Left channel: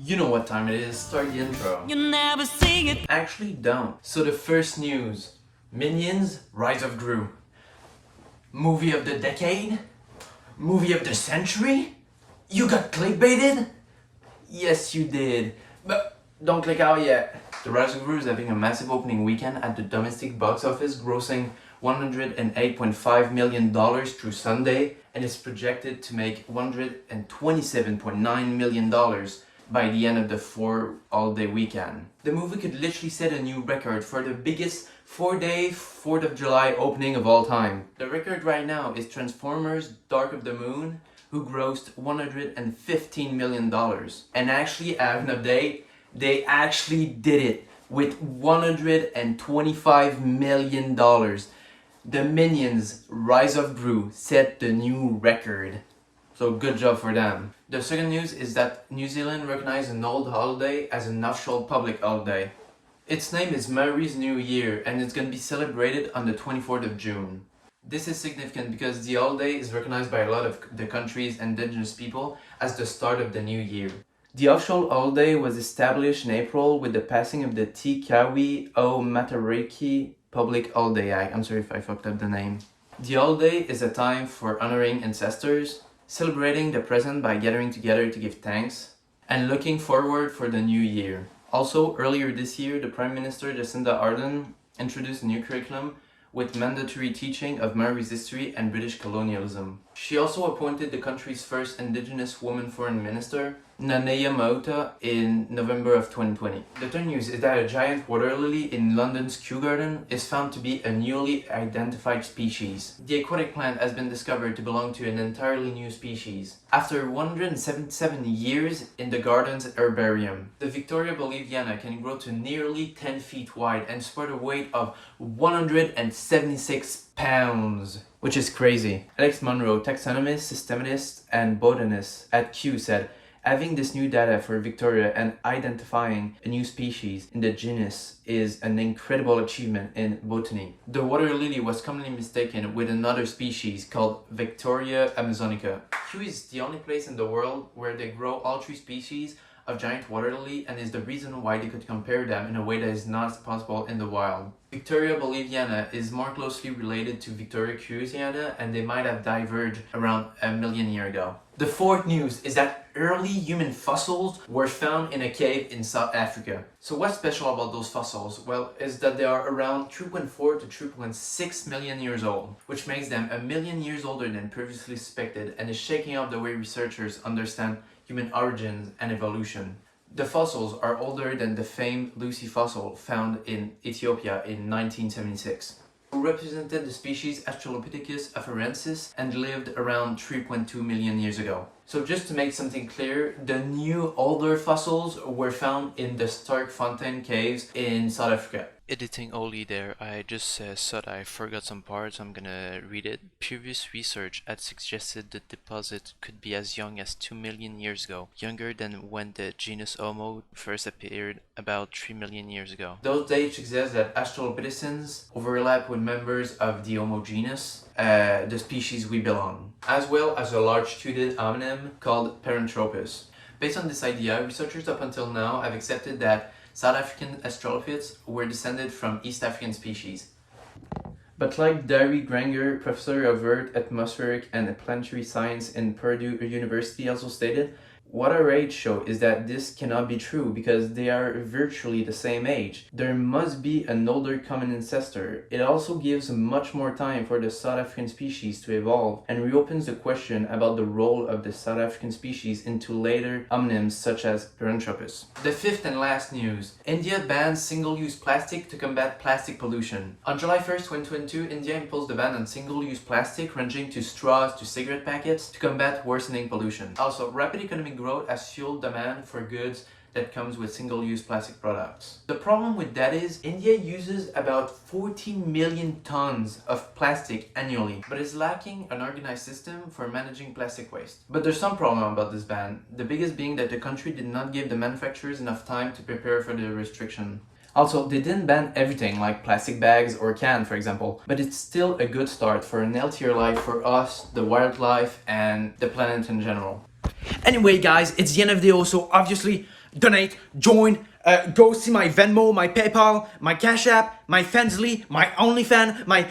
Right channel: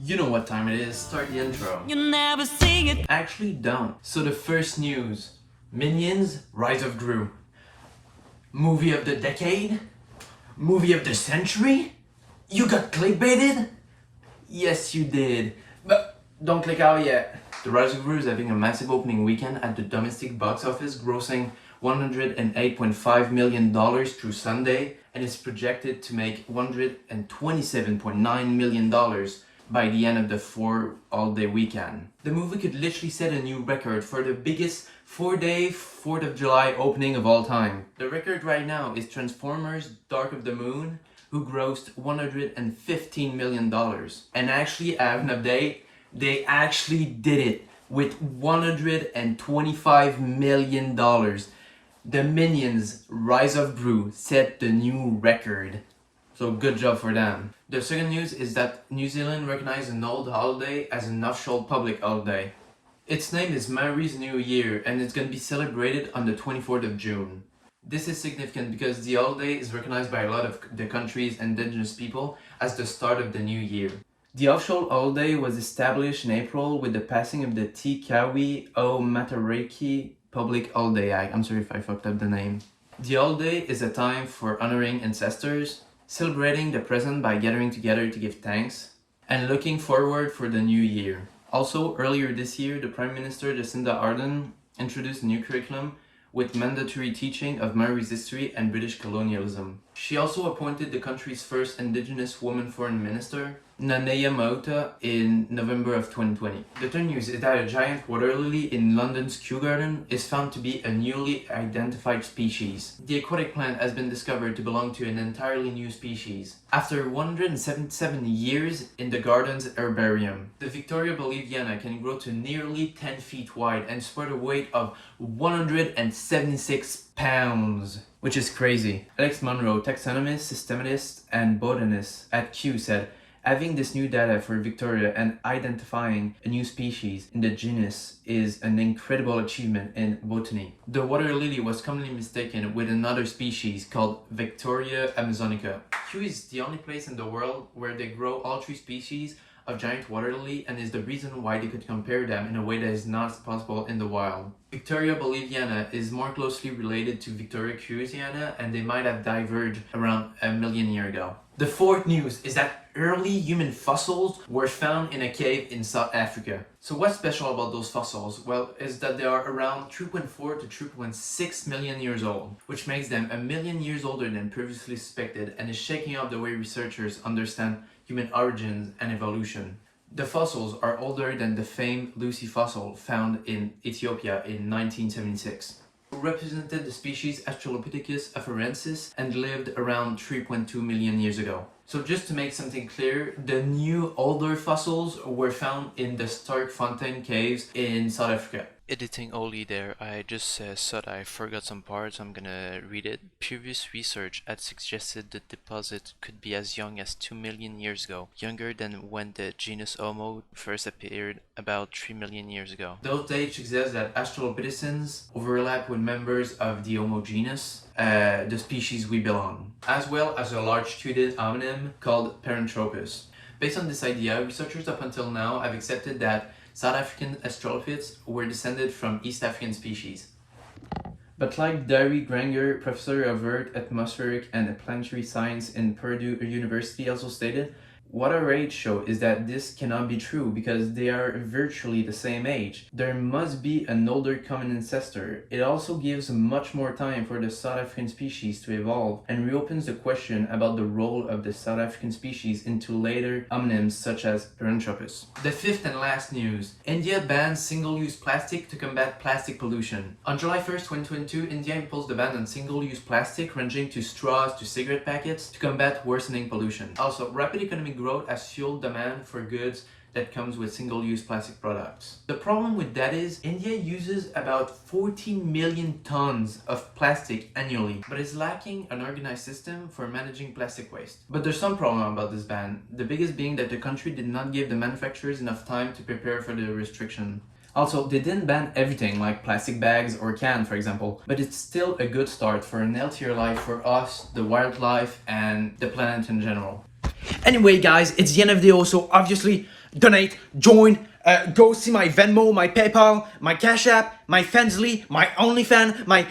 You know what time it is, start the intro. You never see it. Actually don't. So the first news. Minions, Rise of Gru. Movie of the decade? Movie of the century? You got clickbaited? Yes you did. But don't click out yet. The Rise of Gru is having a massive opening weekend at the domestic box office, grossing $108.5 million through Sunday, and is projected to make $127.9 million by the end of the 4-all-day weekend. The movie could literally set a new record for the biggest 4-day 4th of July opening of all time. The record right now is Transformers Dark of the Moon, who grossed $115 million. And actually, I have an update, they actually did it with $125 million. The Minions Rise of Gru set the new record. So good job for them. The second news is that New Zealand recognized an old holiday as an official public holiday. Its name is Maori's New Year and it's going to be celebrated on the 24th of June. This is significant because the holiday is recognized by a lot of the country's indigenous people as the start of the new year. The official holiday was established in April with the passing of the Te Kawi o Matariki Public Holiday Act. I'm sorry if I fucked up the name. The holiday is a time for honoring ancestors, celebrating the present by gathering together to give thanks, and looking forward for the new year. Also, earlier this year, the Prime Minister Jacinda Ardern introduced a new curriculum with mandatory teaching of Maori's history and British colonialism. She also appointed the country's first Indigenous woman foreign minister, Nanea Mauta, in November of 2020. The third news is that a giant water lily in London's Kew Garden is found to be a newly identified species. The aquatic plant has been discovered to belong to an entirely new species. After 177 years in the garden's herbarium, the Victoria boliviana can grow to nearly 10 feet wide and support a weight of 176 pounds. Which is crazy. Alex Monroe, taxonomist, systematist, and botanist at Kew said, having this new data for Victoria and identifying a new species in the genus is an incredible achievement in botany. The water lily was commonly mistaken with another species called Victoria amazonica. Kew is the only place in the world where they grow all three species of giant water lily and is the reason why they could compare them in a way that is not possible in the wild. Victoria boliviana is more closely related to Victoria cruziana and they might have diverged around a million years ago. The fourth news is that early human fossils were found in a cave in South Africa. So what's special about those fossils? Well, is that they are around 3.4 to 3.6 million years old, which makes them a million years older than previously suspected and is shaking up the way researchers understand human origins and evolution. The fossils are older than the famed Lucy fossil found in Ethiopia in 1976. Who represented the species Australopithecus afarensis and lived around 3.2 million years ago. So just to make something clear, the new older fossils were found in the Sterkfontein caves in South Africa. Editing Oli there, I just thought I forgot some parts, I'm gonna read it. Previous research had suggested the deposit could be as young as 2 million years ago, younger than when the genus Homo first appeared about 3 million years ago. Those dates suggest that Australopithecines overlap with members of the Homo genus, the species we belong, as well as a large-toothed hominin called Paranthropus. Based on this idea, researchers up until now have accepted that South African Australopiths were descended from East African species. But like Darry Granger, professor of Earth, Atmospheric and Planetary Science in Purdue University also stated, what our age show is that this cannot be true because they are virtually the same age. There must be an older common ancestor. It also gives much more time for the South African species to evolve and reopens the question about the role of the South African species into later hominins such as Paranthropus. The fifth and last news. India bans single-use plastic to combat plastic pollution. On July 1st, 2022, India imposed a ban on single-use plastic ranging to straws to cigarette packets to combat worsening pollution. Also, rapid economic growth has fueled demand for goods that comes with single-use plastic products. The problem with that is India uses about 14 million tons of plastic annually, but is lacking an organized system for managing plastic waste. But there's some problem about this ban, the biggest being that the country did not give the manufacturers enough time to prepare for the restriction. Also, they didn't ban everything like plastic bags or cans, for example, but it's still a good start for an healthier life for us, the wildlife, and the planet in general. Anyway, guys, it's the end of the video, so obviously donate, join, go see my Venmo, my PayPal, my Cash App, my Fansly, my OnlyFans, my